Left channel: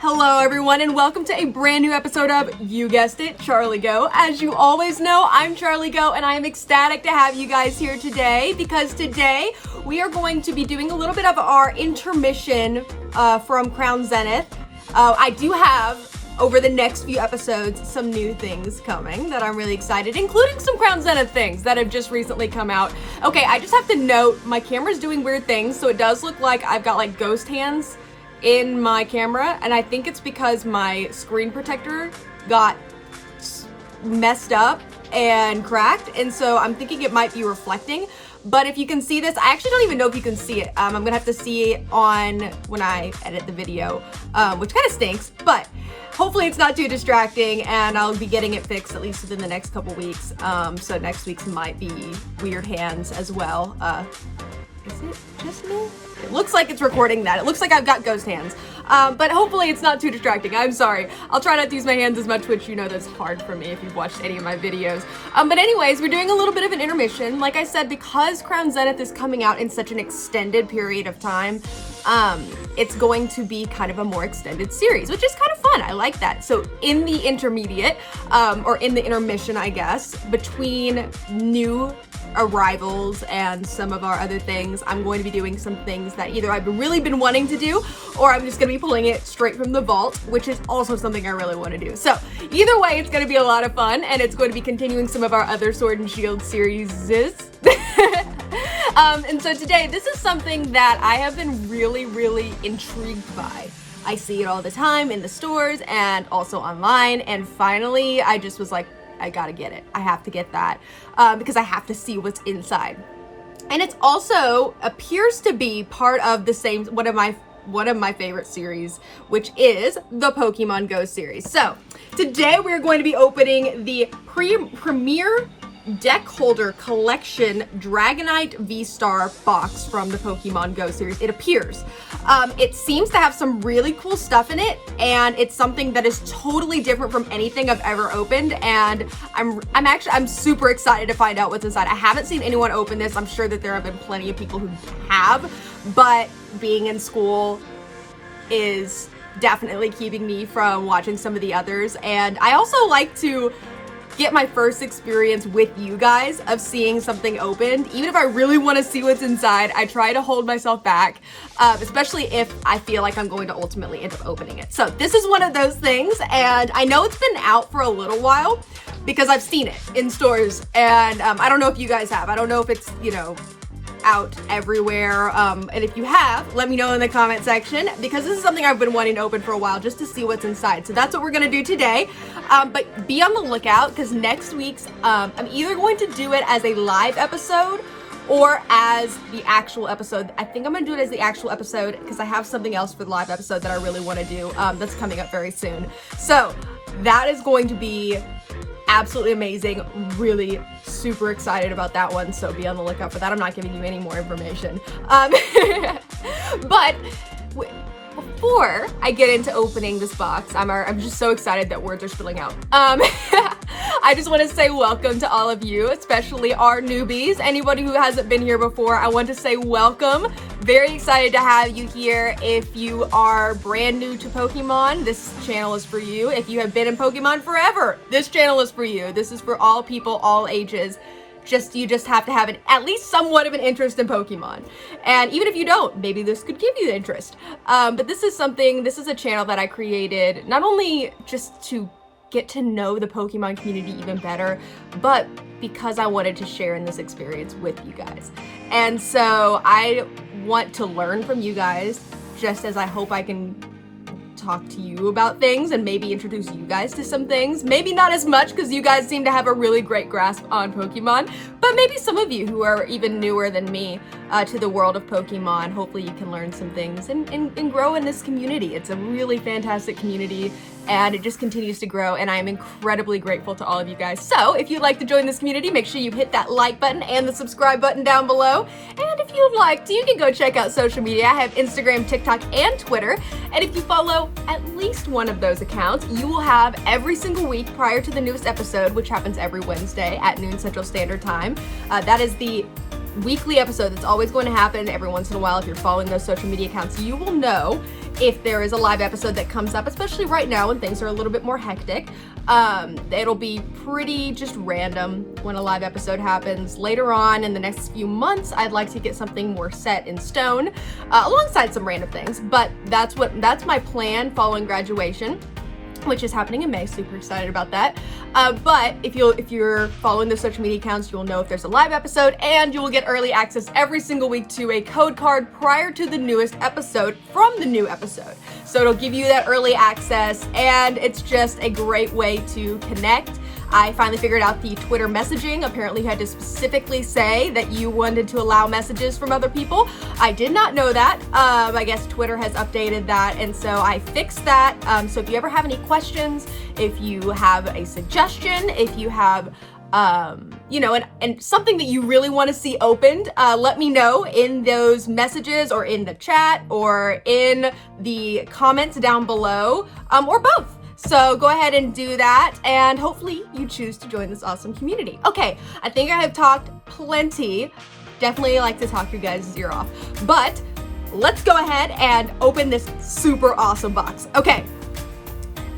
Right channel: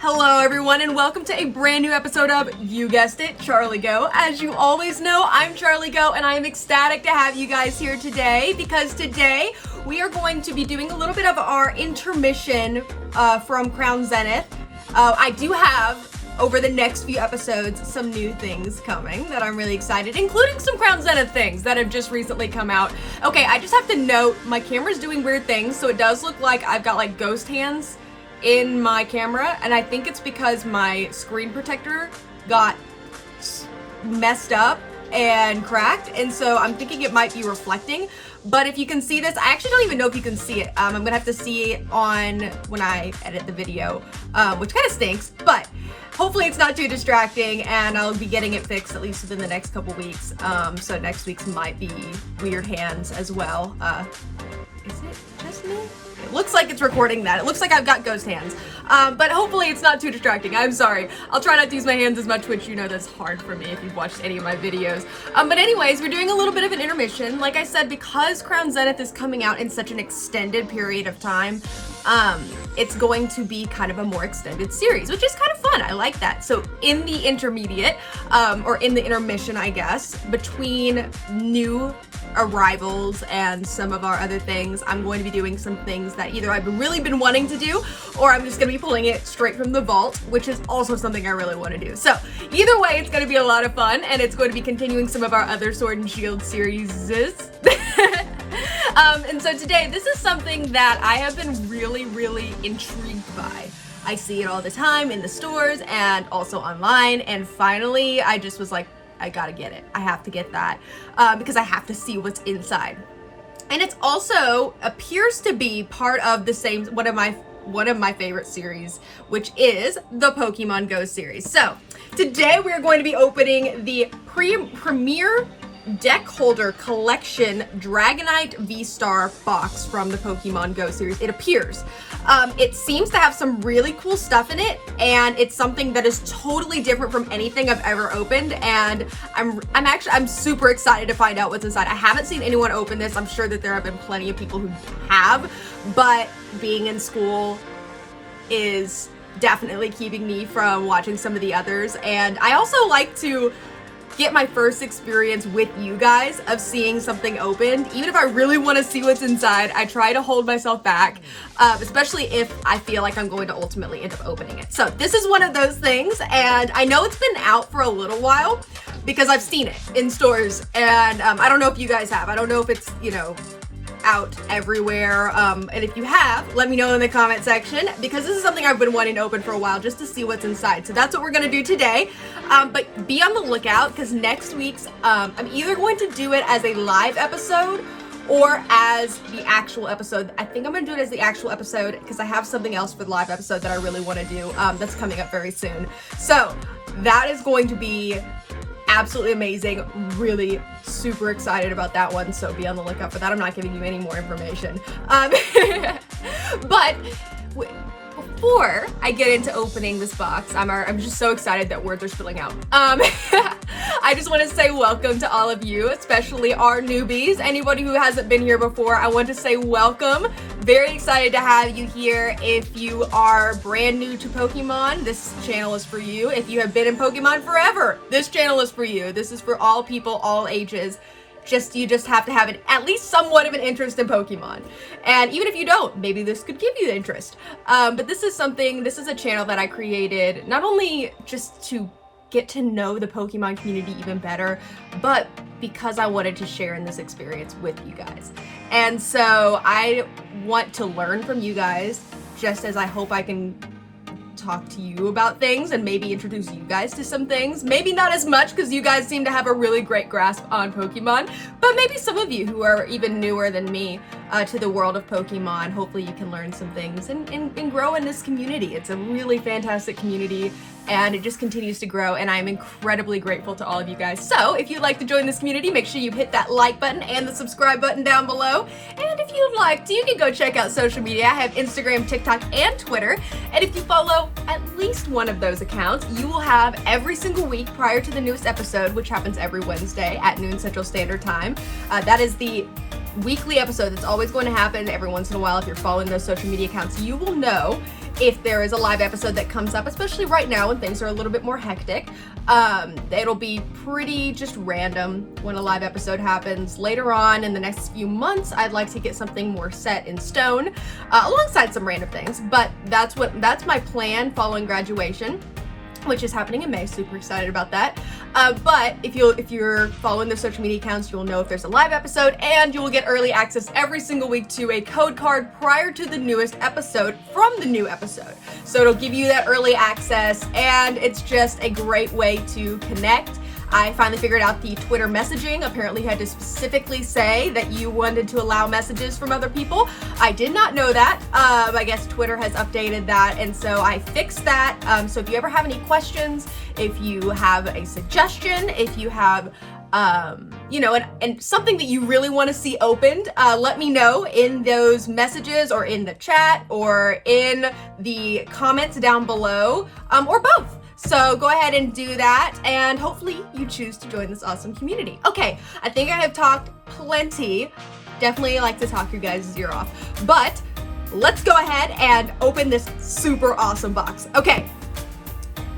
Hello everyone and welcome to a brand new episode of, you guessed it, Charlie Geaux. As you always know, I'm Charlie Geaux and I am ecstatic to have you guys here today because today we are going to be doing a little bit of our intermission from Crown Zenith. I do have, over the next few episodes, some new things coming that I'm really excited, including some Crown Zenith things that have just recently come out. Okay, I just have to note, my camera's doing weird things, so it does look like I've got like ghost hands in my camera, and I think it's because my screen protector got messed up and cracked, and so I'm thinking it might be reflecting. But if you can see this, I actually don't even know if you can see it. I'm gonna have to see it on when I edit the video, which kind of stinks, but hopefully it's not too distracting and I'll be getting it fixed at least within the next couple weeks. So next week's might be weird hands as well. Is it just me? It looks like it's recording that. It looks like I've got ghost hands. But hopefully it's not too distracting. I'm sorry. I'll try not to use my hands as much, which you know that's hard for me if you've watched any of my videos. But anyways, we're doing a little bit of an intermission. Like I said, because Crown Zenith is coming out in such an extended period of time, it's going to be kind of a more extended series, which is kind of fun. I like that. So in the intermediate, or in the intermission, I guess, between new arrivals and some of our other things, I'm going to be doing some things that either I've really been wanting to do, or I'm just going to be pulling it straight from the vault, which is also something I really want to do. So either way, it's going to be a lot of fun, and it's going to be continuing some of our other Sword and Shield series. And so today, this is something that I have been really intrigued by. I see it all the time in the stores and also online, and finally I just was like, I gotta get it. I have to get that because I have to see what's inside. And it's also appears to be part of the same one of my favorite series, which is the Pokemon Go series. So today we're going to be opening the premier deck holder collection Dragonite Vstar box from the Pokemon Go series. It appears. It seems to have some really cool stuff in it, and it's something that is totally different from anything I've ever opened, and I'm super excited to find out what's inside. I haven't seen anyone open this. I'm sure that there have been plenty of people who have, but being in school is definitely keeping me from watching some of the others, and I also like to get my first experience with you guys of seeing something opened. Even if I really want to see what's inside, I try to hold myself back, especially if I feel like I'm going to ultimately end up opening it. So this is one of those things, and I know it's been out for a little while because I've seen it in stores, and I don't know if you guys have. I don't know if it's, you know, out everywhere, and if you have, let me know in the comment section, because this is something I've been wanting to open for a while, just to see what's inside. So that's what we're gonna do today, but be on the lookout, because next week's I'm either going to do it as a live episode or as the actual episode. I think I'm gonna do it as the actual episode because I have something else for the live episode that I really want to do that's coming up very soon. So that is going to be absolutely amazing. Really super excited about that one, so be on the lookout for that. I'm not giving you any more information. But before I get into opening this box, I'm just so excited that words are spilling out. I just want to say welcome to all of you, especially our newbies. Anybody who hasn't been here before, I want to say welcome. Very excited to have you here. If you are brand new to Pokemon, this channel is for you. If you have been in Pokemon forever, this channel is for you. This is for all people, all ages. You just have to have at least somewhat of an interest in Pokemon. And even if you don't, maybe this could give you the interest. But this is a channel that I created not only just to get to know the Pokemon community even better, but because I wanted to share in this experience with you guys. And so I want to learn from you guys, just as I hope I can talk to you about things and maybe introduce you guys to some things. Maybe not as much, because you guys seem to have a really great grasp on Pokemon, but maybe some of you who are even newer than me to the world of Pokemon, hopefully you can learn some things and grow in this community. It's a really fantastic community, and it just continues to grow, and I am incredibly grateful to all of you guys. So if you'd like to join this community, make sure you hit that like button and the subscribe button down below. And if you'd like to, you can go check out social media. I have Instagram, TikTok, and Twitter, and if you follow at least one of those accounts, you will have every single week prior to the newest episode, which happens every Wednesday at noon Central Standard Time. That is the weekly episode that's always going to happen every once in a while. If you're following those social media accounts, you will know if there is a live episode that comes up, especially right now when things are a little bit more hectic. It'll be pretty just random when a live episode happens. Later on in the next few months, I'd like to get something more set in stone, alongside some random things, but that's my plan following graduation, which is happening in May. Super excited about that. But if you're following the social media accounts, you'll know if there's a live episode, and you will get early access every single week to a code card prior to the newest episode from the new episode. So it'll give you that early access, and it's just a great way to connect. I finally figured out the Twitter messaging. Apparently you had to specifically say that you wanted to allow messages from other people. I did not know that. I guess Twitter has updated that, and so I fixed that. So if you ever have any questions, if you have a suggestion, if you have you know, and something that you really want to see opened, let me know in those messages or in the chat or in the comments down below, or both. So go ahead and do that, and hopefully you choose to join this awesome community. Okay, I think I have talked plenty. Definitely like to talk your guys' ear off, but let's go ahead and open this super awesome box. Okay,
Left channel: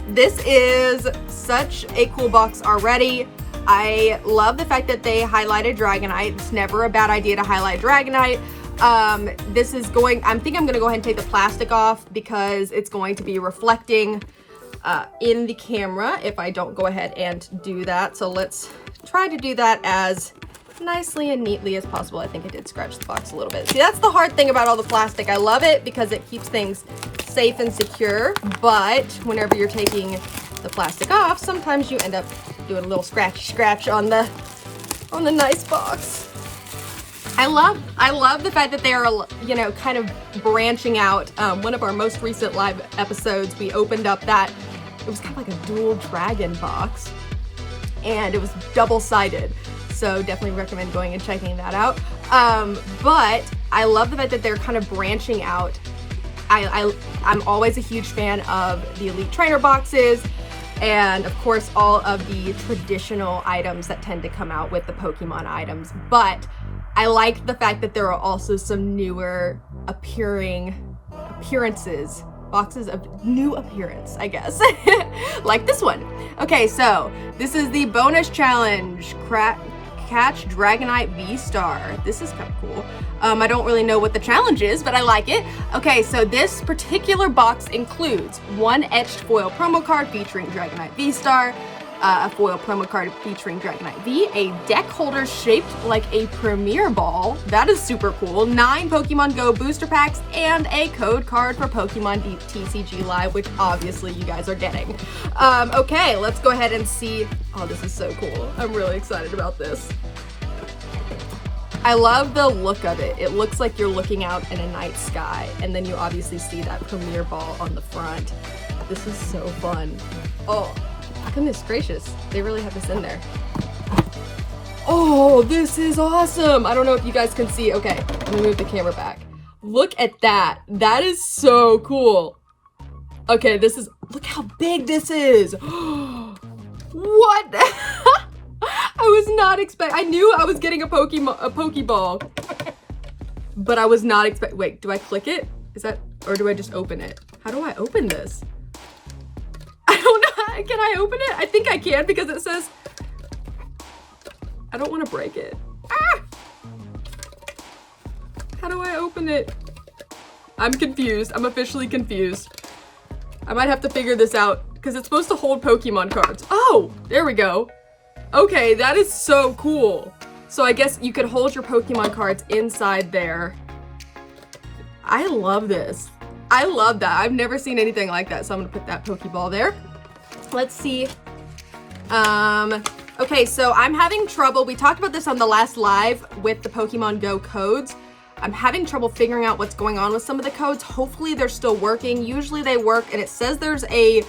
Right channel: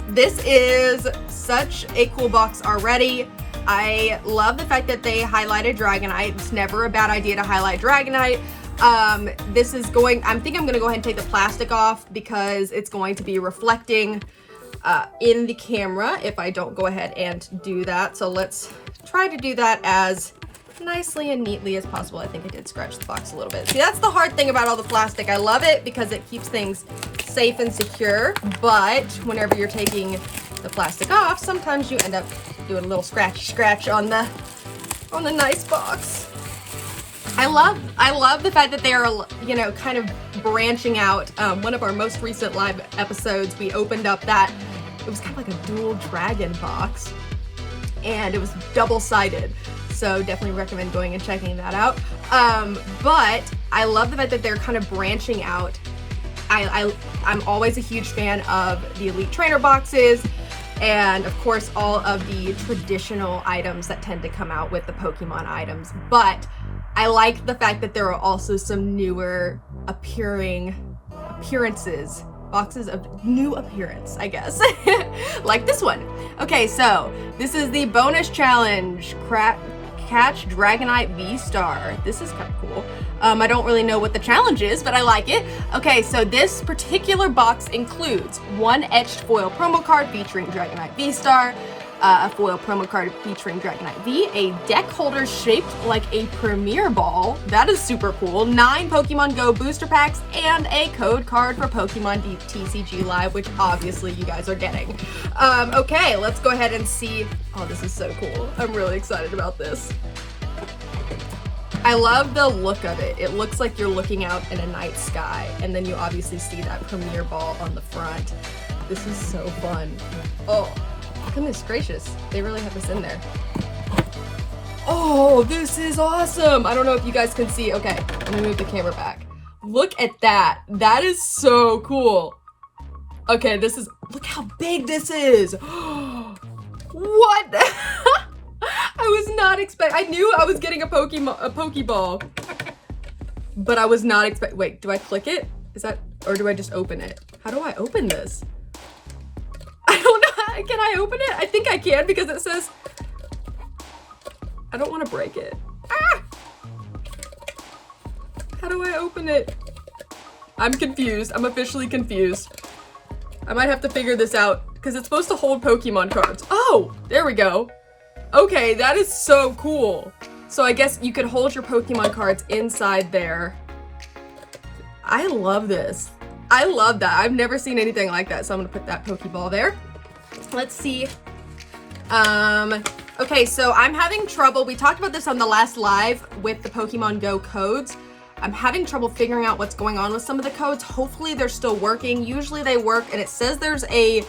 this is such a cool box already. I love the fact that they highlighted Dragonite. It's never a bad idea to highlight Dragonite. This is I think I'm gonna go ahead and take the plastic off because it's going to be reflecting in the camera if I don't go ahead and do that. So let's try to do that as nicely and neatly as possible. I think I did scratch the box a little bit. See, that's the hard thing about all the plastic. I love it because it keeps things safe and secure, but whenever you're taking the plastic off, sometimes you end up doing a little scratch on the nice box. I love the fact that they are, you know, kind of branching out. One of our most recent live episodes, we opened up that, it was kind of like a dual dragon box, and it was double-sided. So definitely recommend going and checking that out. But I love the fact that they're kind of branching out. I'm always a huge fan of the Elite Trainer boxes, and of course all of the traditional items that tend to come out with the Pokemon items. But I like the fact that there are also some newer appearances, boxes of new appearance, I guess, like this one. Okay, so this is the bonus challenge, catch Dragonite Vstar. This is kind of cool. I don't really know what the challenge is, but I like it. Okay, so this particular box includes one etched foil promo card featuring Dragonite Vstar, a foil promo card featuring Dragonite V, a deck holder shaped like a Premier Ball, that is super cool, 9 Pokemon Go booster packs, and a code card for Pokemon TCG Live, which obviously you guys are getting. Okay, let's go ahead and see. Oh, this is so cool. I'm really excited about this. I love the look of it. It looks like you're looking out in a night sky, and then you obviously see that Premier Ball on the front. This is so fun. Oh, goodness gracious, they really have this in there. Oh, this is awesome. I don't know if you guys can see. Okay, let me move the camera back. Look at that. That is so cool. Okay, look how big this is. What? I was not I knew I was getting a Pokeball, but I was not wait, do I click it? Is that, or do I just open it? How do I open this? I don't know. Can I open it? I think I can because it says, I don't want to break it. Ah! How do I open it? I'm confused. I'm officially confused. I might have to figure this out because it's supposed to hold Pokemon cards. Oh, there we go. Okay, that is so cool. So I guess you could hold your Pokemon cards inside there. I love this. I love that. I've never seen anything like that, so I'm gonna put that Pokeball there. Let's see. Okay, so I'm having trouble. We talked about this on the last live with the Pokemon Go codes. I'm having trouble figuring out what's going on with some of the codes. Hopefully they're still working. Usually they work, and it says there's a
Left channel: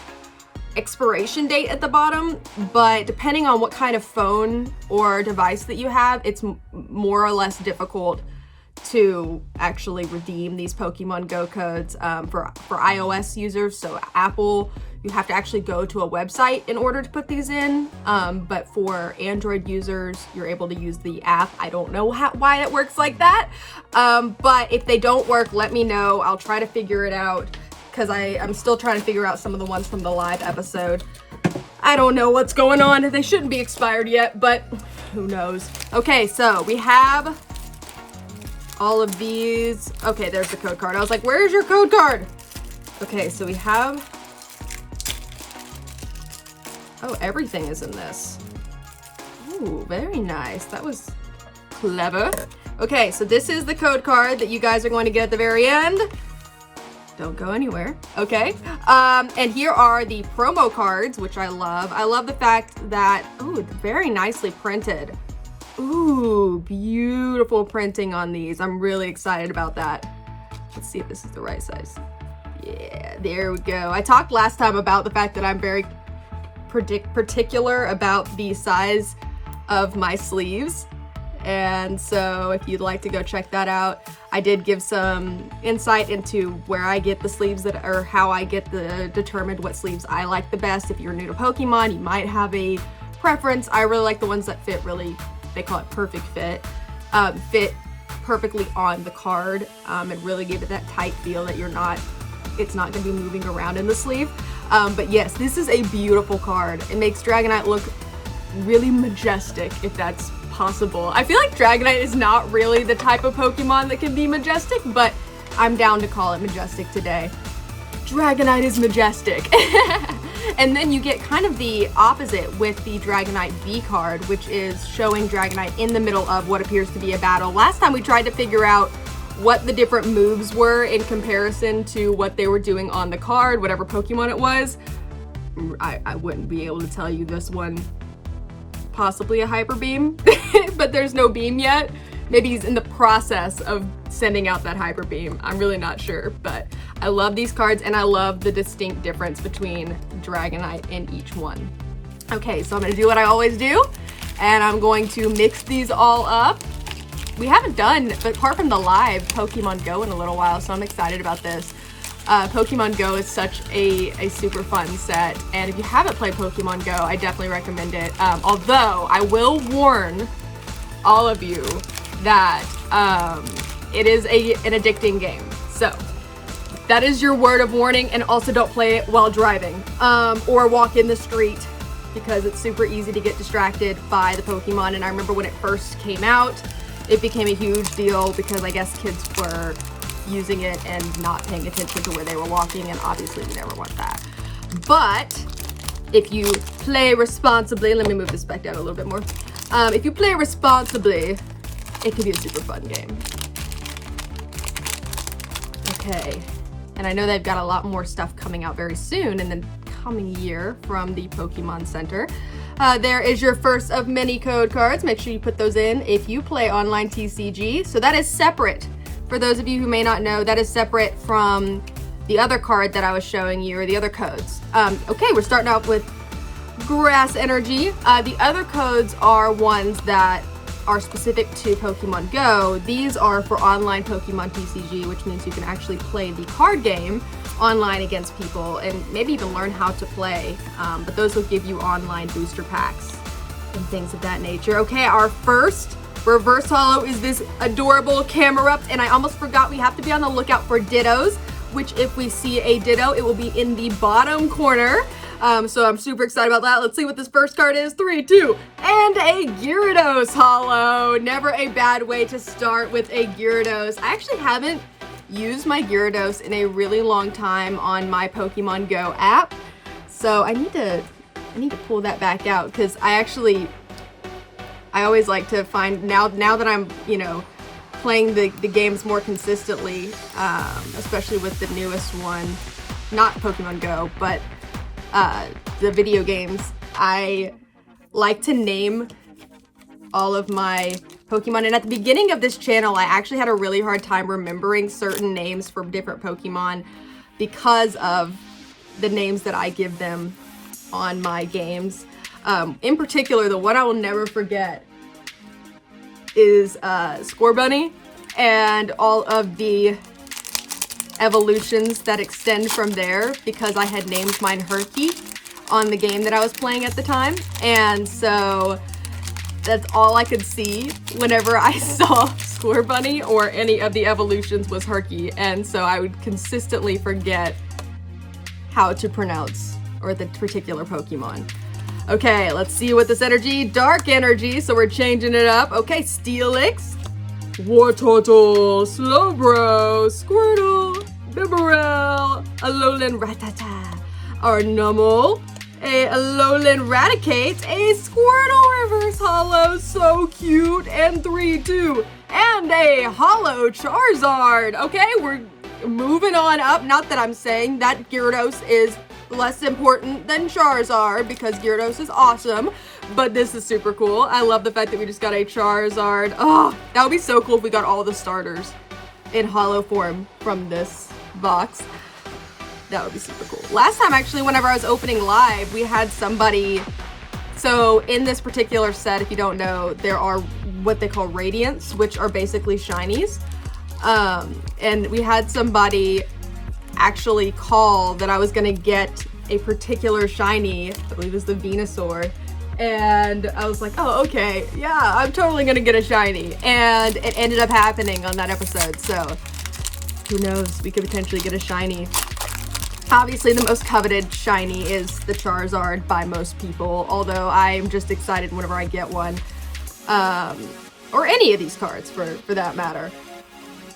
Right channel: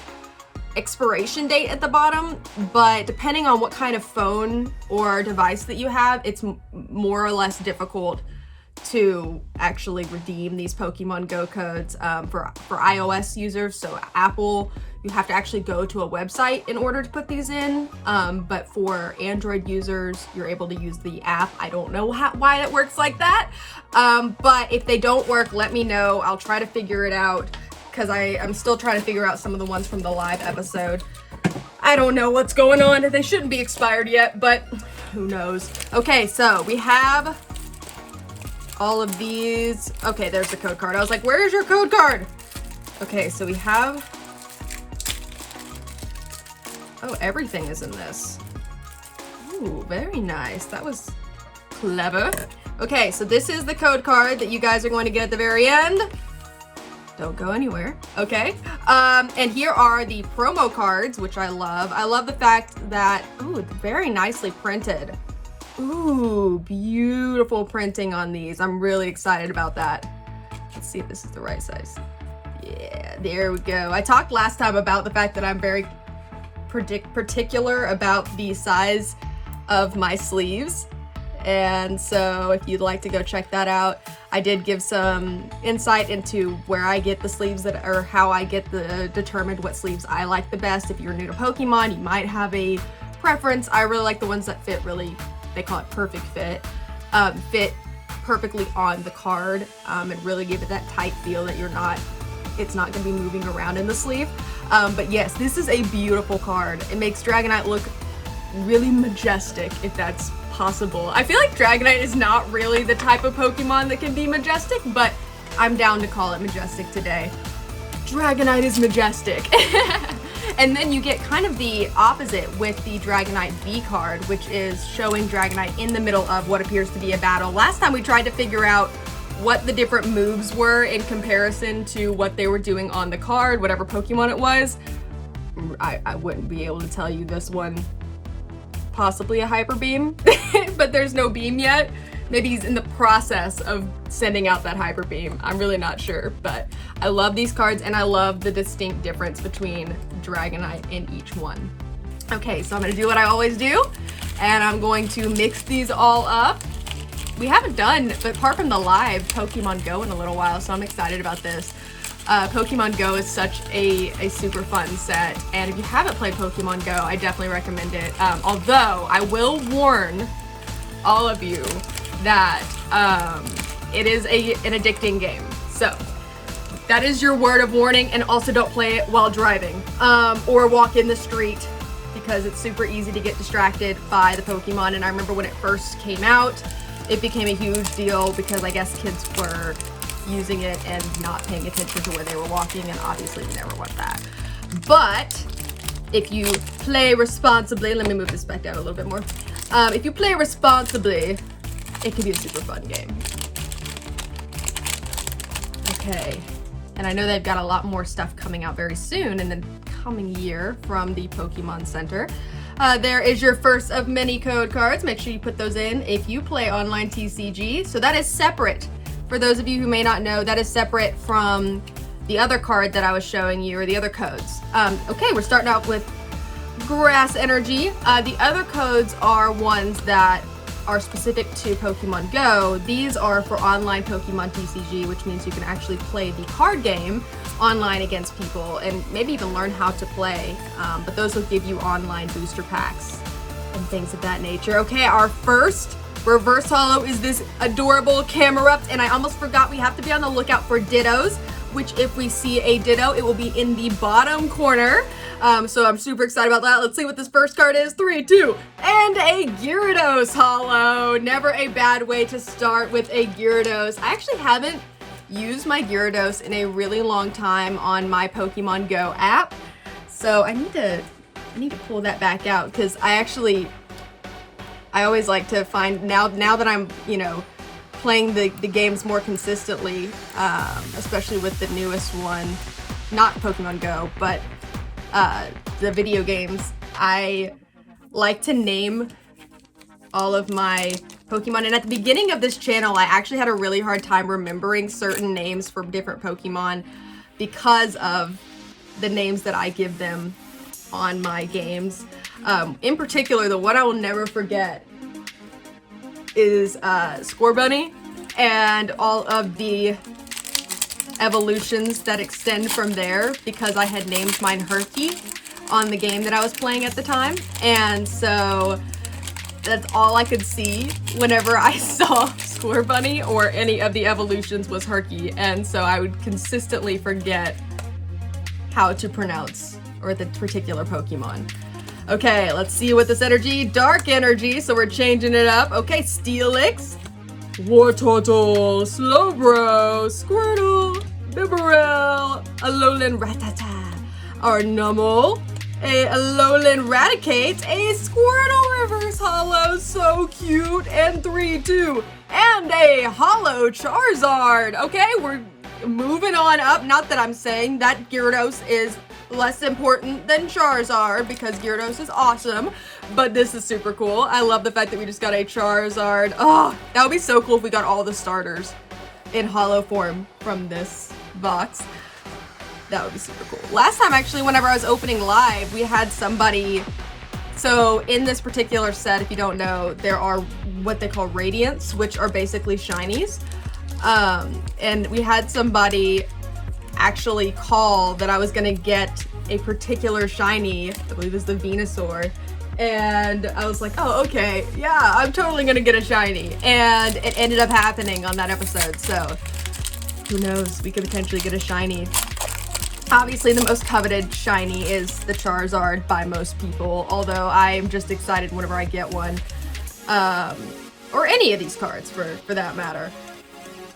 expiration date at the bottom, but depending on what kind of phone or device that you have, it's more or less difficult to actually redeem these Pokemon Go codes for iOS users. So Apple, you have to actually go to a website in order to put these in. But for Android users, you're able to use the app. I don't know why that works like that. But if they don't work, let me know. I'll try to figure it out because I'm still trying to figure out some of the ones from the live episode. I don't know what's going on. They shouldn't be expired yet, but who knows. Okay, so we have all of these. Okay, there's the code card. I was like, where's your code card? Okay, so we have, oh, everything is in this. Ooh, very nice. That was clever. Okay, so this is the code card that you guys are going to get at the very end. Don't go anywhere. Okay. And here are the promo cards, which I love. I love the fact that, ooh, very nicely printed. Ooh, beautiful printing on these. I'm really excited about that. Let's see if this is the right size. Yeah, there we go. I talked last time about the fact that I'm very particular about the size of my sleeves. And so if you'd like to go check that out, I did give some insight into where I get the sleeves that, or how I get determined what sleeves I like the best. If you're new to Pokemon, you might have a preference. I really like the ones that fit really, they call it perfect fit, fit perfectly on the card, and really give it that tight feel that it's not going to be moving around in the sleeve. But yes, this is a beautiful card. It makes Dragonite look really majestic, if that's possible. I feel like Dragonite is not really the type of Pokemon that can be majestic, but I'm down to call it majestic today. Dragonite is majestic. And then you get kind of the opposite with the Dragonite V card, which is showing Dragonite in the middle of what appears to be a battle. Last time we tried to figure out what the different moves were in comparison to what they were doing on the card, whatever Pokemon it was. I wouldn't be able to tell you this one. Possibly a hyper beam, but there's no beam yet. Maybe he's in the process of sending out that hyper beam. I'm really not sure, but I love these cards and I love the distinct difference between Dragonite in each one. Okay, so I'm gonna do what I always do, and I'm going to mix these all up. We haven't done, but apart from the live Pokemon Go in a little while, so I'm excited about this. Pokemon Go is such a super fun set, and if you haven't played Pokemon Go, I definitely recommend it. Although I will warn all of you that it is an addicting game. So that is your word of warning, and also don't play it while driving or walk in the street, because it's super easy to get distracted by the Pokemon. And I remember when it first came out, it became a huge deal because I guess kids were using it and not paying attention to where they were walking, and obviously we never want that. But if you play responsibly, let me move this back down a little bit more. If you play responsibly, it can be a super fun game. Okay, and I know they've got a lot more stuff coming out very soon in the coming year from the Pokemon Center. There is your first of many code cards. Make sure you put those in if you play online TCG. So that is separate. For those of you who may not know, that is separate from the other card that I was showing you, or the other codes. Okay, we're starting out with Grass Energy. The other codes are ones that are specific to Pokemon Go. These are for online Pokemon TCG, which means you can actually play the card game online against people and maybe even learn how to play. But those will give you online booster packs and things of that nature. Okay, our first reverse holo is this adorable Camerupt, and I almost forgot we have to be on the lookout for Dittos, which if we see a Ditto, it will be in the bottom corner. So I'm super excited about that. Let's see what this first card is. 3, 2, and a Gyarados holo. Never a bad way to start with a Gyarados. I actually haven't used my Gyarados in a really long time on my Pokemon Go app, so I need to pull that back out, because I always like to find, now that I'm, playing the games more consistently, especially with the newest one, not Pokemon Go, but the video games, I like to name all of my Pokemon. And at the beginning of this channel, I actually had a really hard time remembering certain names for different Pokemon because of the names that I give them on my games. In particular, the one I will never forget is Scorbunny. and all of the evolutions that extend from there, because I had named mine Herky on the game that I was playing at the time. And so that's all I could see whenever I saw Scorbunny or any of the evolutions was Herky. And so I would consistently forget how to pronounce or the particular Pokemon. Okay, let's see what this energy, dark energy, so we're changing it up. Okay, Steelix, Wartortle, Slowbro, Squirtle, Bibarel, Alolan Rattata, Arnumble, a Alolan Raticate, a Squirtle Reverse Holo, so cute, and 3-2, and a Holo Charizard. Okay, we're moving on up. Not that I'm saying that Gyarados is less important than Charizard, because Gyarados is awesome, but this is super cool. I love the fact that we just got a Charizard. Oh, that would be so cool if we got all the starters in holo form from this box. That would be super cool. Last time, actually, whenever I was opening live, we had somebody. So in this particular set, if you don't know, there are what they call Radiants, which are basically shinies. And we had somebody actually call that I was gonna get a particular shiny, I believe it was the Venusaur, and I was like, oh, okay, yeah, I'm totally gonna get a shiny, and it ended up happening on that episode, so who knows, we could potentially get a shiny. Obviously, the most coveted shiny is the Charizard by most people, although I'm just excited whenever I get one, or any of these cards for that matter.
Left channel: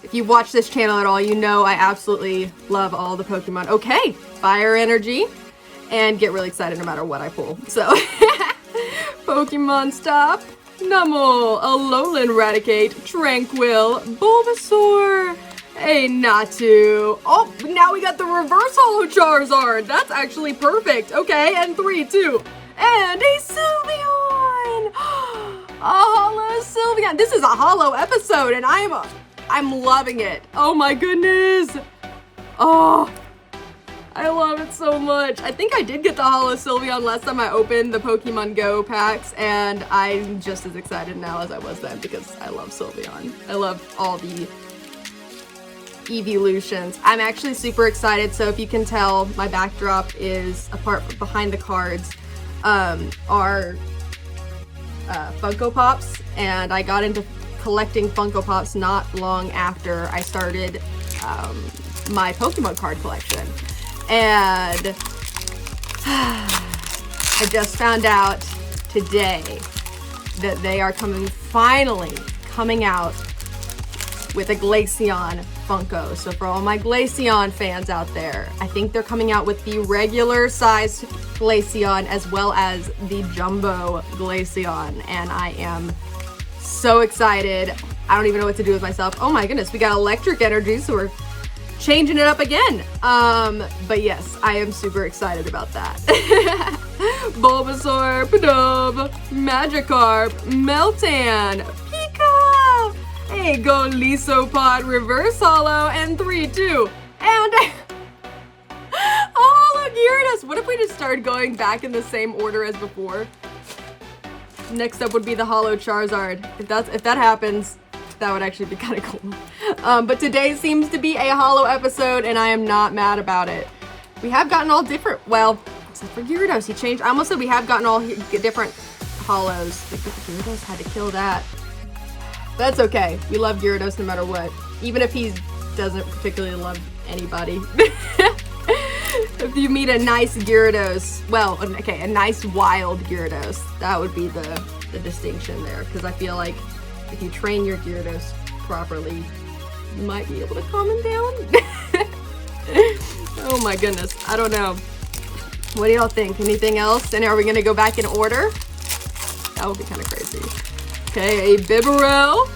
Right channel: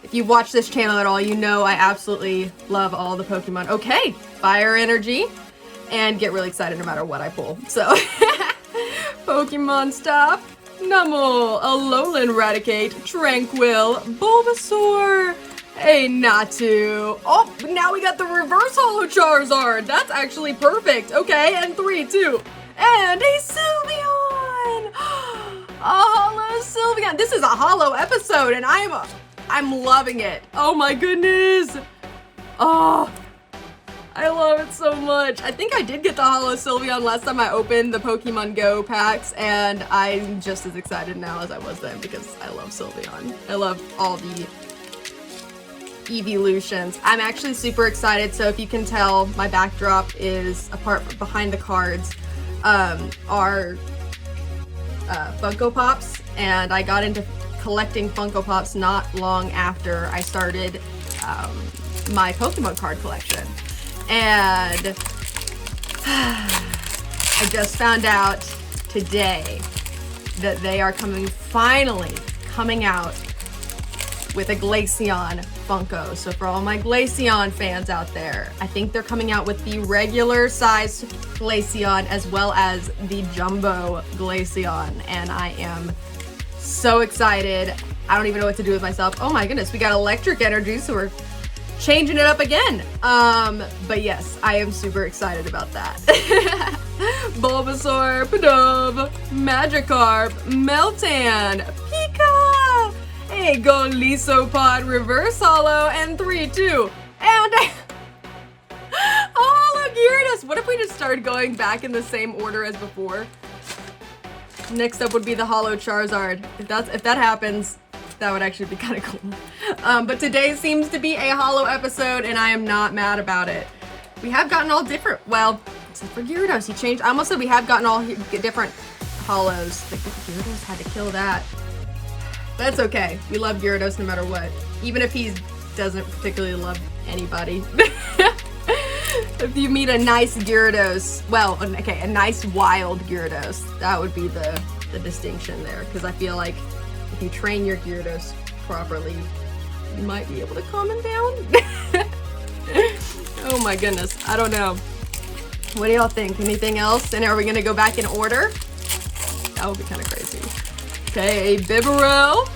If you watch this channel at all, you know I absolutely love all the Pokemon. Okay, Fire Energy, and get really excited no matter what I pull. So, Pokemon Stop, Numble, Alolan Raticate, Tranquil, Bulbasaur, a Natu. Oh, now we got the Reverse Holo Charizard. That's actually perfect. Okay, and 3-2, and a Sylveon. A Holo Sylveon. This is a Holo episode, and I'm loving it. Oh my goodness. Oh, I love it so much. I think I did get the Holo Sylveon last time I opened the Pokemon Go packs, and I'm just as excited now as I was then because I love Sylveon. I love all the evolutions. I'm actually super excited. So if you can tell, my backdrop is apart behind the cards are Funko Pops, and I got into collecting Funko Pops not long after I started my Pokemon card collection. And I just found out today that they are finally coming out with a Glaceon Funko. So for all my Glaceon fans out there, I think they're coming out with the regular sized Glaceon as well as the Jumbo Glaceon, and I am so excited. I don't even know what to do with myself. Oh my goodness, we got electric energy, so we're changing it up again. But yes, I am super excited about that. Bulbasaur, Pidove, Magikarp, Meltan, Pika, a Golisopod Reverse Holo, and 3-2, and oh, look, Gyarados. What if we just started going back in the same order as before? Next up would be the Holo Charizard. If that happens, that would actually be kind of cool. But today seems to be a Holo episode, and I am not mad about it. We have gotten all different, well, except for Gyarados, he changed. I almost said we have gotten all different Holos. Like, Gyarados had to kill that. That's okay. We love Gyarados no matter what. Even if he doesn't particularly love anybody. If you meet a nice Gyarados, well, okay, a nice wild Gyarados, that would be the distinction there. Because I feel like if you train your Gyarados properly, you might be able to calm him down. Oh my goodness, I don't know. What do y'all think? Anything else? And are we gonna go back in order? That would be kind of crazy. Okay, a Bibarel.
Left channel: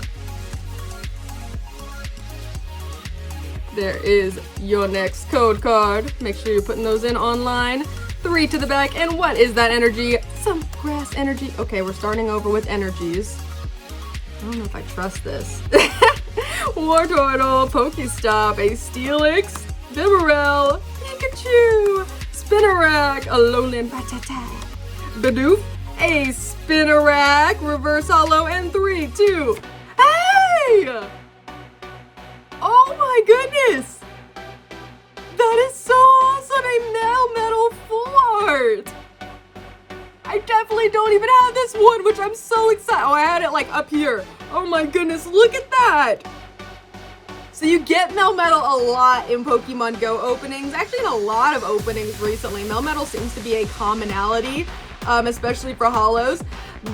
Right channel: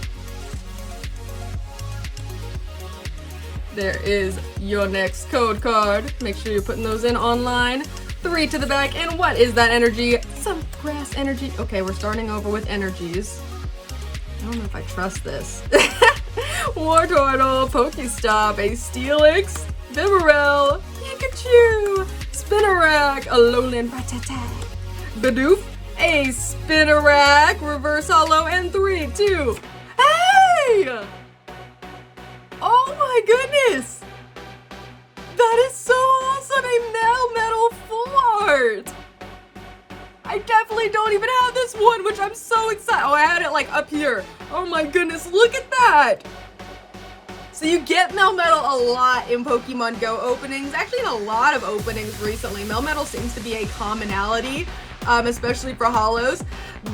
There is your next code card. Make sure you're putting those in online. 3 to the back. And what is that energy? Some grass energy. Okay, we're starting over with energies. I don't know if I trust this. Wartortle, Pokestop, a Steelix, Bibarel, Pikachu, Spinarak, Alolan Rattata, Bidoof, a Spinarak, Reverse Holo, and 3-2. Hey! my goodness! That is so awesome! A Melmetal full art! I definitely don't even have this one, which I'm so excited. Oh, I had it like up here. Oh my goodness, look at that! So you get Melmetal a lot in Pokemon Go openings, actually in a lot of openings recently. Melmetal seems to be a commonality, especially for holos,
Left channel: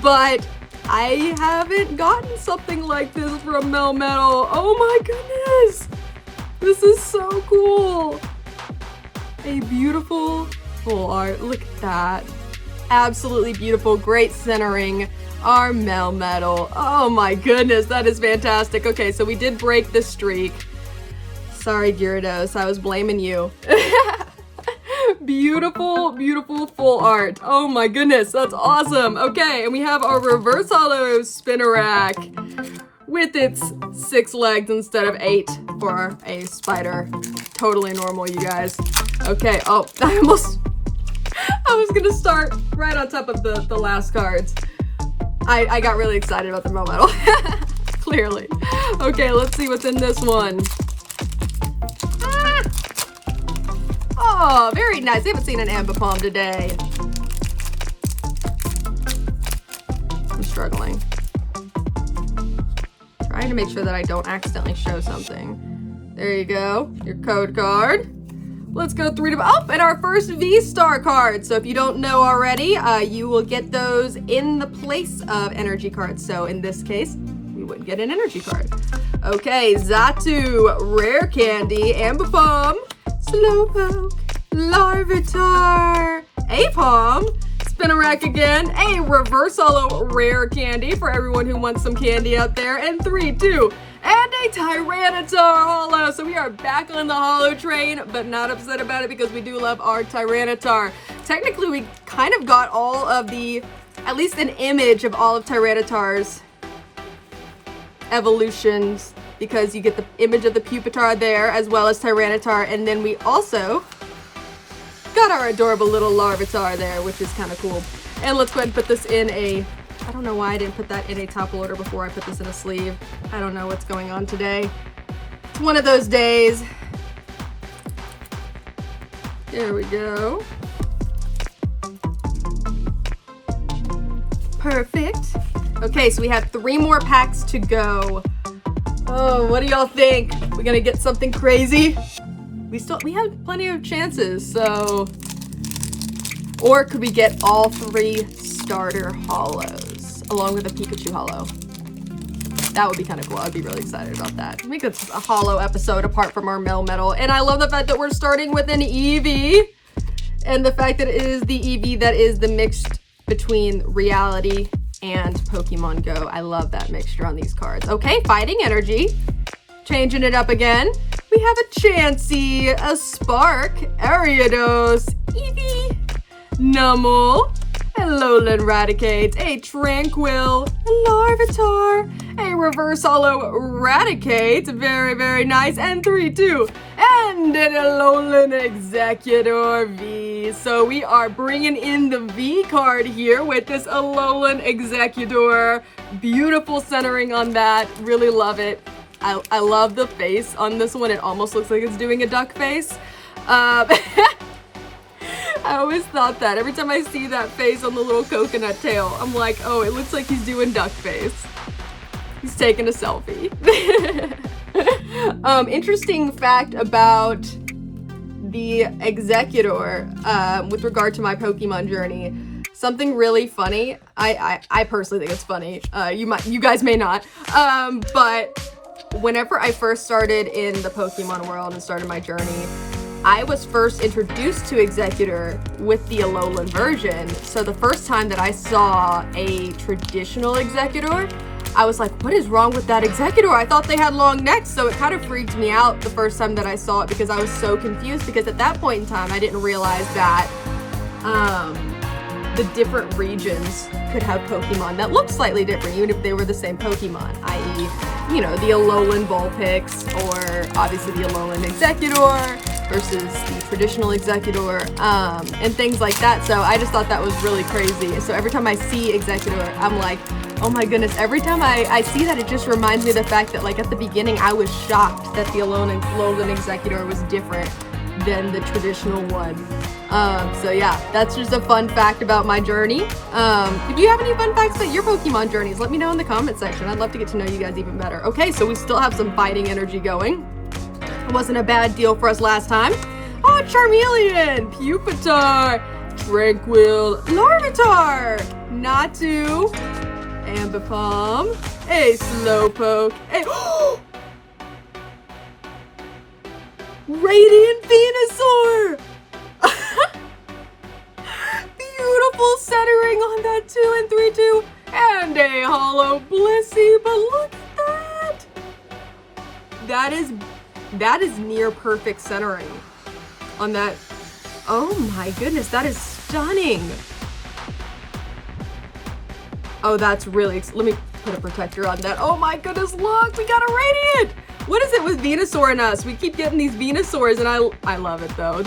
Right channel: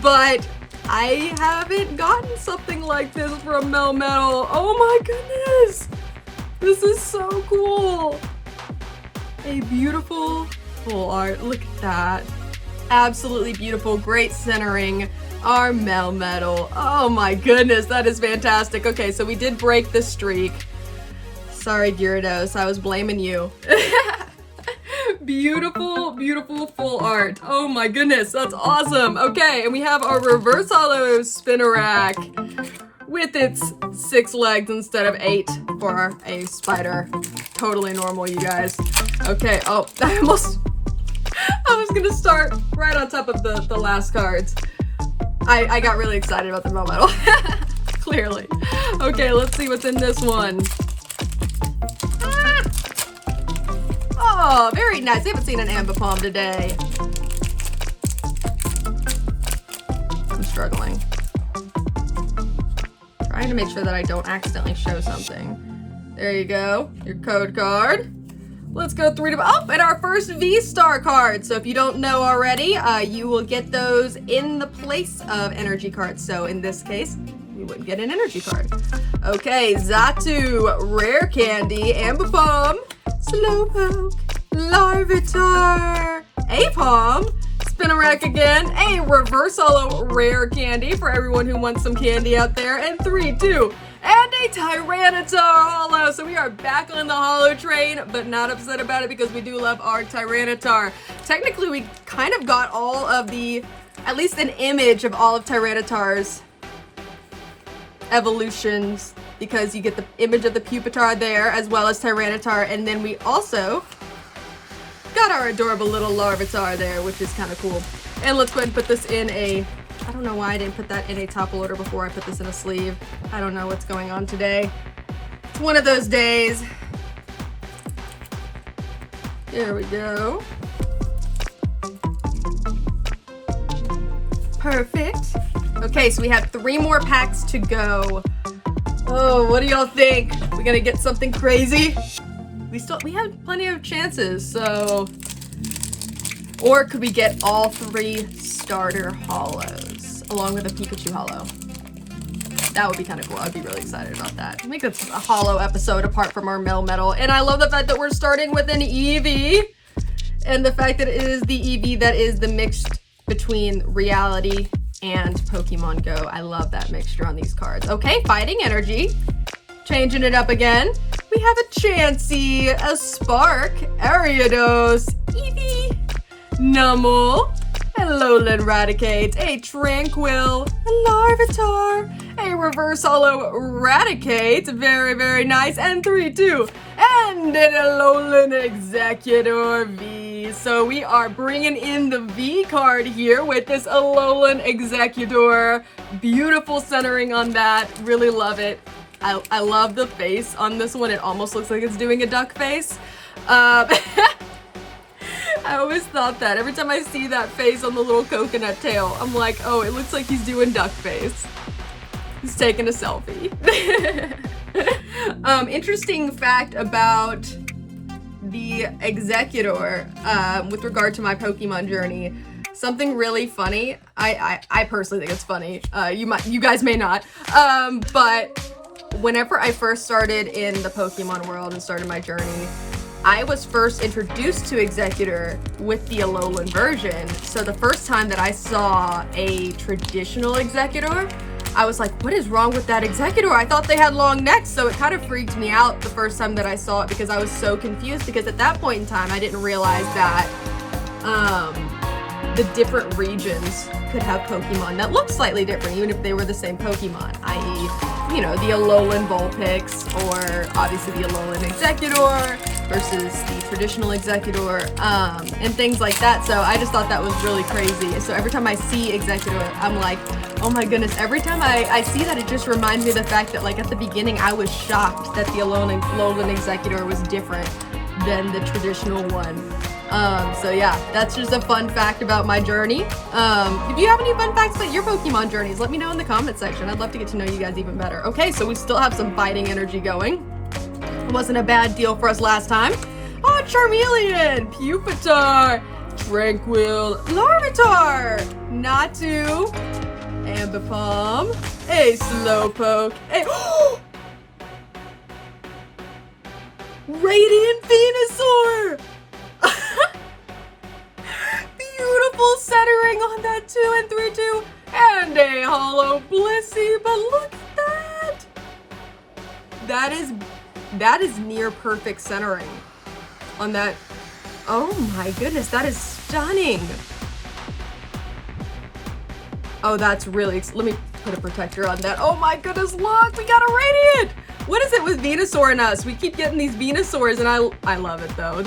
but I haven't gotten something like this from Melmetal. Oh my goodness! This is so cool! A beautiful full art, look at that. Absolutely beautiful, great centering. Our Melmetal. Oh my goodness, that is fantastic. Okay, so we did break the streak. Sorry, Gyarados, I was blaming you. Beautiful, beautiful full art. Oh my goodness, that's awesome. Okay, and we have our reverse holo Spinarak with its 6 legs instead of 8 for a spider. Totally normal, you guys. Okay, oh, I was gonna start right on top of the last cards. I got really excited about the Melmetal. Clearly. Okay, let's see what's in this one. Ah! Oh, very nice. I haven't seen an Ambipom today. I'm struggling. Trying to make sure that I don't accidentally show something. There you go. Your code card. Let's go 3 to... Oh, and our first V-Star card. So if you don't know already, you will get those in the place of energy cards. So in this case, we would get an energy card. Okay, Xatu, Rare Candy, Ambipom, Slowpoke, Larvitar, Apom, Spinarak again, a reverse holo Rare Candy for everyone who wants some candy out there, and 3, 2, and a Tyranitar holo. So we are back on the holo train, but not upset about it because we do love our Tyranitar. Technically, we kind of got all of the, at least an image of all of Tyranitar's evolutions, because you get the image of the Pupitar there as well as Tyranitar, and then we also got our adorable little Larvitar there, which is kind of cool. And let's go ahead and put this in a, I don't know why I didn't put that in a top loader before I put this in a sleeve. I don't know what's going on today. It's one of those days. There we go. Perfect. Okay, so we have 3 more packs to go. Oh, what do y'all think? We gonna get something crazy? We have plenty of chances, so... Or could we get all 3 starter holos along with a Pikachu holo? That would be kind of cool. I'd be really excited about that. Make this a holo episode apart from our Melmetal. And I love the fact that we're starting with an Eevee. And the fact that it is the Eevee that is the mixed between reality and Pokemon Go. I love that mixture on these cards. Okay, Fighting Energy. Changing it up again. We have a Chansey, a Spark, Ariados, Eevee, Numel, a Alolan Raticate, a Tranquil, a Larvitar, a Reverse Holo Raticate, very, very nice, and 3, 2, and an Alolan Executor V. So we are bringing in the V card here with this Alolan Executor. Beautiful centering on that, really love it. I love the face on this one. It almost looks like it's doing a duck face. I always thought that. Every time I see that face on the little coconut tail, I'm like, oh, it looks like he's doing duck face. He's taking a selfie. Interesting fact about the Executor with regard to my Pokemon journey. Something really funny. I personally think it's funny. You guys may not. But whenever I first started in the Pokemon world and started my journey, I was first introduced to Executor with the Alolan version. So the first time that I saw a traditional Executor, I was like, what is wrong with that Executor? I thought they had long necks. So it kind of freaked me out the first time that I saw it because I was so confused, because at that point in time, I didn't realize that the different regions could have Pokemon that look slightly different, even if they were the same Pokemon, i.e., you know, the Alolan Vulpix, or obviously the Alolan Executor versus the traditional Executor, and things like that. So I just thought that was really crazy. So every time I see Executor, I'm like, oh my goodness, every time I see that, it just reminds me of the fact that, like, at the beginning, I was shocked that the Alolan Executor was different than the traditional one. So yeah, that's just a fun fact about my journey. If you have any fun facts about your Pokemon journeys, let me know in the comment section. I'd love to get to know you guys even better. Okay, so we still have some fighting energy going. It wasn't a bad deal for us last time. Oh, Charmeleon, Pupitar, Tranquil, Larvitar, Natu, Ambipom, a Slowpoke, a Radiant Venusaur! Beautiful centering on that 2 and 3-2, and a Hollow Blissey, but look at that! That is near perfect centering on that. Oh my goodness, that is stunning. Oh, that's really, let me put a protector on that. Oh my goodness, look, we got a Radiant! What is it with Venusaur and us? We keep getting these Venusaurs, and I love it though.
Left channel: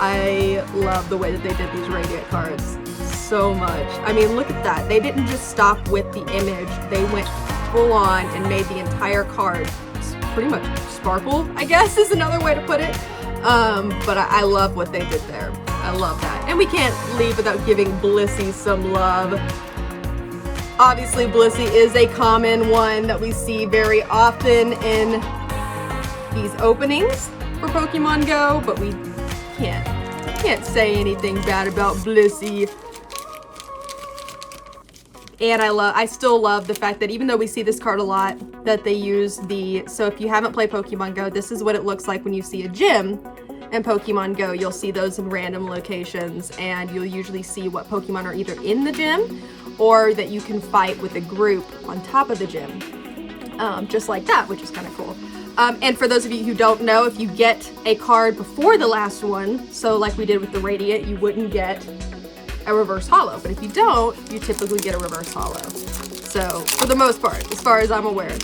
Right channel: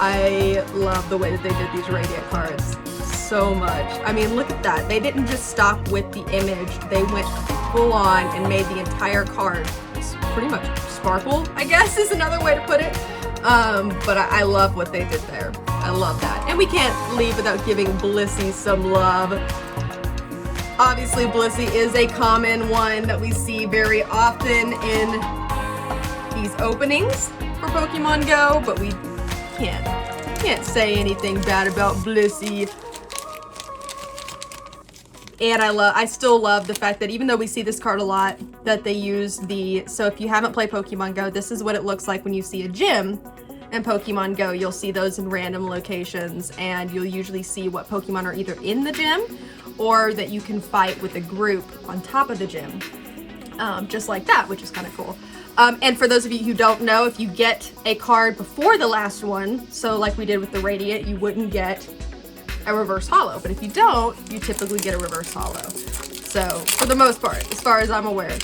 I love the way that they did these Radiant cards so much. I mean, look at that. They didn't just stop with the image. They went full on and made the entire card pretty much sparkle, I guess is another way to put it. But I love what they did there. I love that. And we can't leave without giving Blissey some love. Obviously, Blissey is a common one that we see very often in these openings for Pokemon Go, but we can't say anything bad about Blissey. And I still love the fact that even though we see this card a lot, that they use so if you haven't played Pokemon Go, this is what it looks like when you see a gym in Pokemon Go. You'll see those in random locations, and you'll usually see what Pokemon are either in the gym or that you can fight with a group on top of the gym. Just like that, which is kind of cool. And for those of you who don't know, if you get a card before the last one, so like we did with the Radiant, you wouldn't get a reverse holo. But if you don't, you typically get a reverse holo. So for the most part, as far as I'm aware,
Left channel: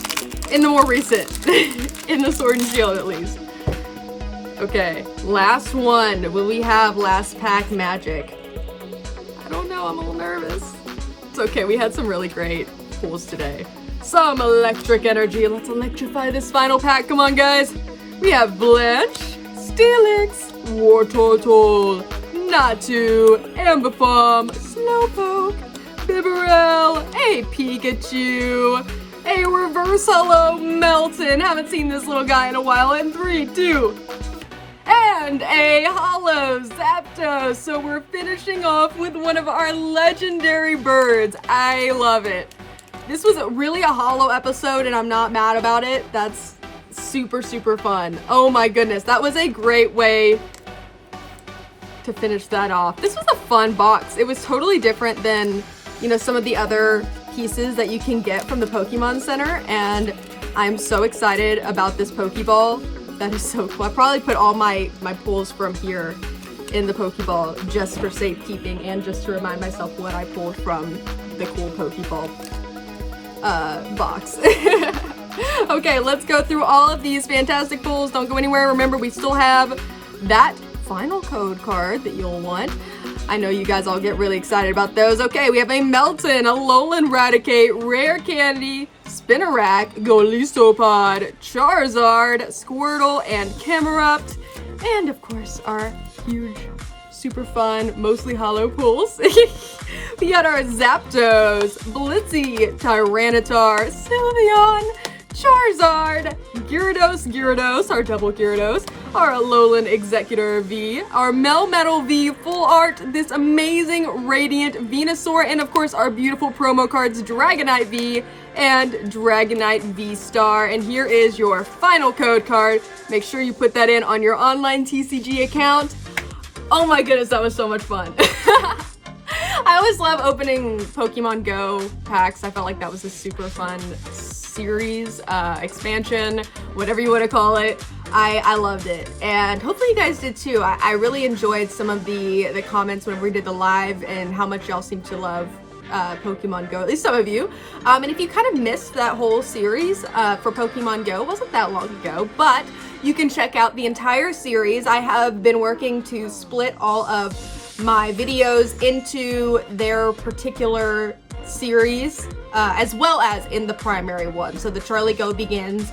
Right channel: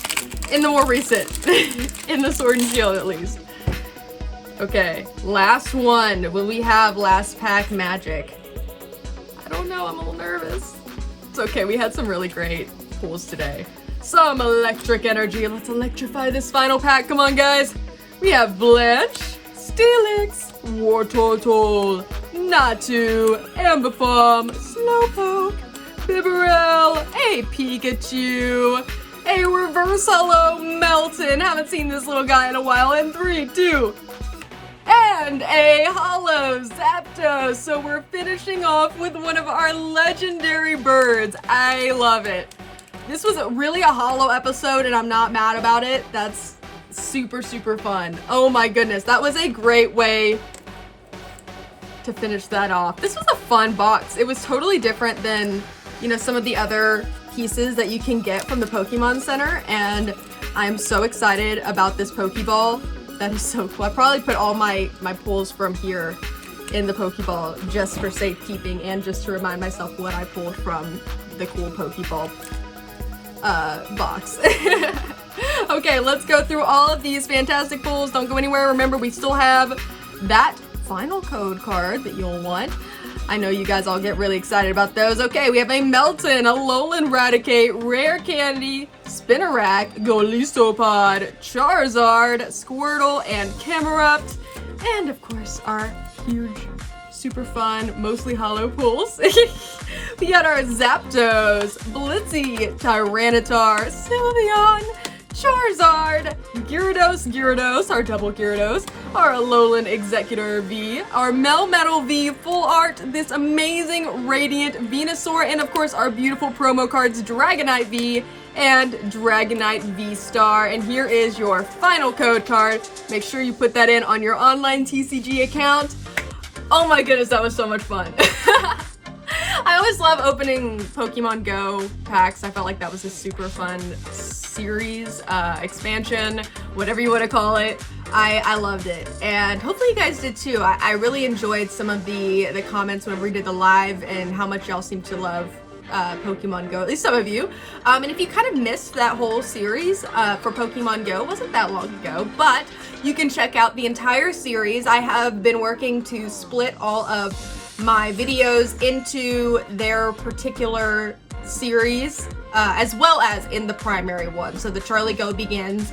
in the more recent, in the Sword and Shield at least. Okay, last one. Will we have last pack magic? I don't know, I'm a little nervous. It's okay, we had some really great pulls today. Some electric energy. Let's electrify this final pack. Come on, guys. We have Blanche, Steelix, Wartortle, Natu, Ambipom, Slowpoke, Bibarel, a Pikachu, a reverse holo Melton. Haven't seen this little guy in a while. In 3, 2, and a holo Zapdos. So we're finishing off with one of our legendary birds. I love it. This was really a holo episode, and I'm not mad about it. That's super, super fun. Oh my goodness, that was a great way to finish that off. This was a fun box. It was totally different than, you know, some of the other pieces that you can get from the Pokemon Center, and I'm so excited about this Pokeball. That is so cool. I probably put all my pulls from here in the Pokeball just for safekeeping and just to remind myself what I pulled from the cool Pokeball box. Okay, let's go through all of these fantastic pulls. Don't go anywhere. Remember, we still have that final code card that you'll want. I know you guys all get really excited about those. Okay, we have a Melton, a Alolan Raticate, Rare Candy, Spinarak, Golistopod, Charizard, Squirtle, and Camerupt, and of course our huge, super fun, mostly holo pulls. We got our Zapdos, Blissey, Tyranitar, Sylveon, Charizard, Gyarados, our double Gyarados, our Alolan Executor V, our Melmetal V full art, this amazing Radiant Venusaur, and of course our beautiful promo cards Dragonite V and Dragonite Vstar. And here is your final code card. Make sure you put that in on your online TCG account. Oh my goodness, that was so much fun. I always love opening Pokemon Go packs. I felt like that was a super fun series, expansion, whatever you want to call it. I loved it, and hopefully you guys did too. I really enjoyed some of the comments whenever we did the live and how much y'all seem to love Pokemon Go, at least some of you. And if you kind of missed that whole series for Pokemon Go, it wasn't that long ago, but you can check out the entire series. I have been working to split all of my videos into their particular series, as well as in the primary one. So the CharlieGeaux Begins,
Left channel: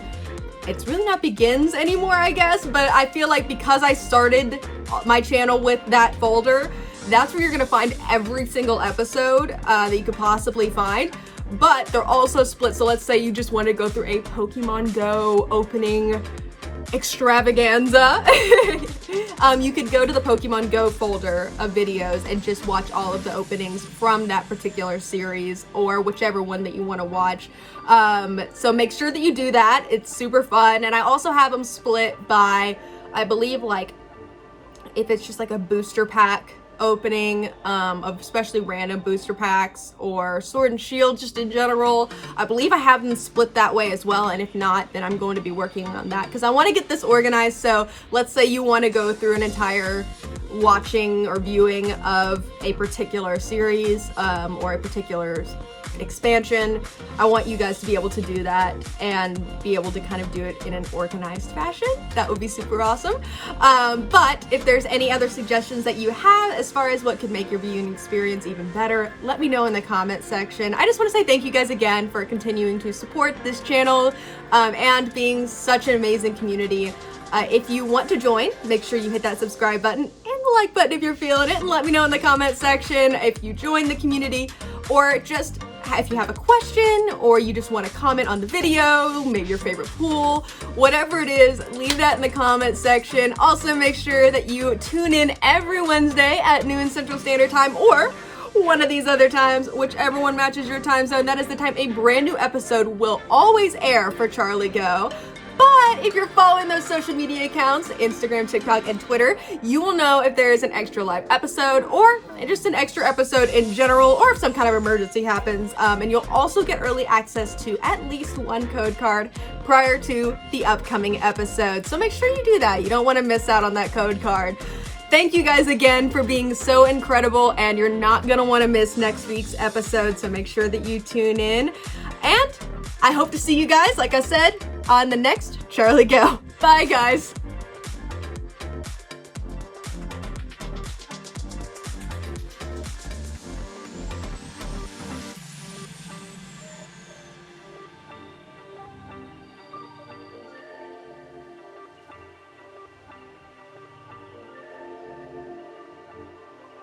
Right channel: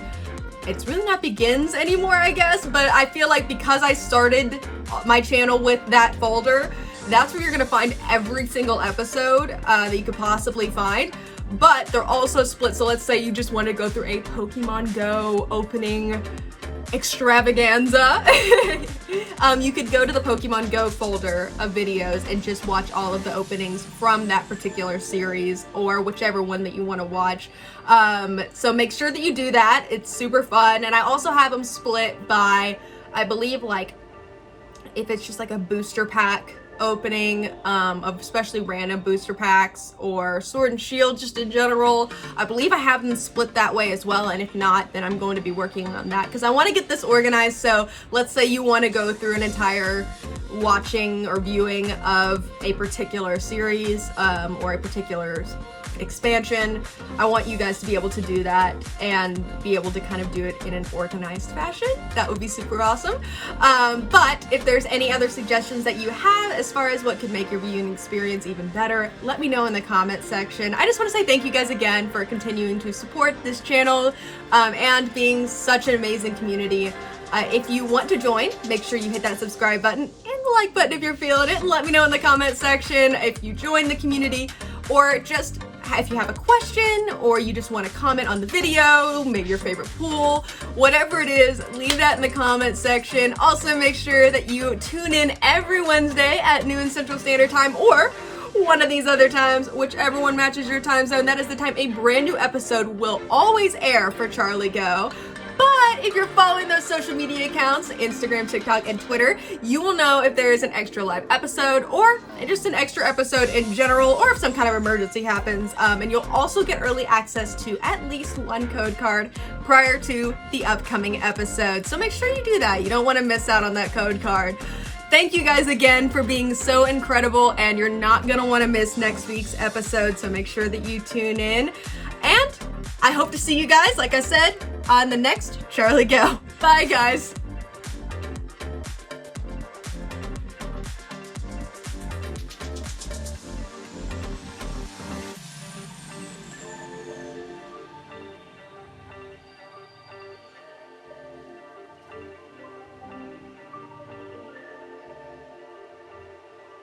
it's really not Begins anymore, I guess, but I feel like because I started my channel with that folder, that's where you're gonna find every single episode that you could possibly find. But they're also split, so let's say you just want to go through a Pokemon Go opening extravaganza. You could go to the Pokemon Go folder of videos and just watch all of the openings from that particular series, or whichever one that you want to watch. So make sure that you do that. It's super fun. And I also have them split by, I believe, like, if it's just like a booster pack opening, of especially random booster packs, or Sword and Shield just in general. I believe I have them split that way as well, and if not, then I'm going to be working on that because I want to get this organized. So let's say you want to go through an entire watching or viewing of a particular series, or a particular expansion. I want you guys to be able to do that and be able to kind of do it in an organized fashion. That would be super awesome. But if there's any other suggestions that you have as far as what could make your viewing experience even better, let me know in the comment section. I just want to say thank you guys again for continuing to support this channel, and being such an amazing community. If you want to join, make sure you hit that subscribe button and the like button if you're feeling it, and let me know in the comment section if you join the community, or just if you have a question, or you just want to comment on the video, maybe your favorite pool, whatever it is, leave that in the comment section. Also, make sure that you tune in every Wednesday at noon Central Standard Time, or one of these other times, whichever one matches your time zone. That is the time a brand new episode will always air for CharlieGeaux. But if you're following those social media accounts, Instagram, TikTok, and Twitter, you will know if there is an extra live episode, or just an extra episode in general, or if some kind of emergency happens. And you'll also get early access to at least one code card prior to the upcoming episode. So make sure you do that. You don't want to miss out on that code card. Thank you guys again for being so incredible, and you're not going to want to miss next week's episode, so make sure that you tune in. And I hope to see you guys, like I said, on the next CharlieGeaux. Bye, guys.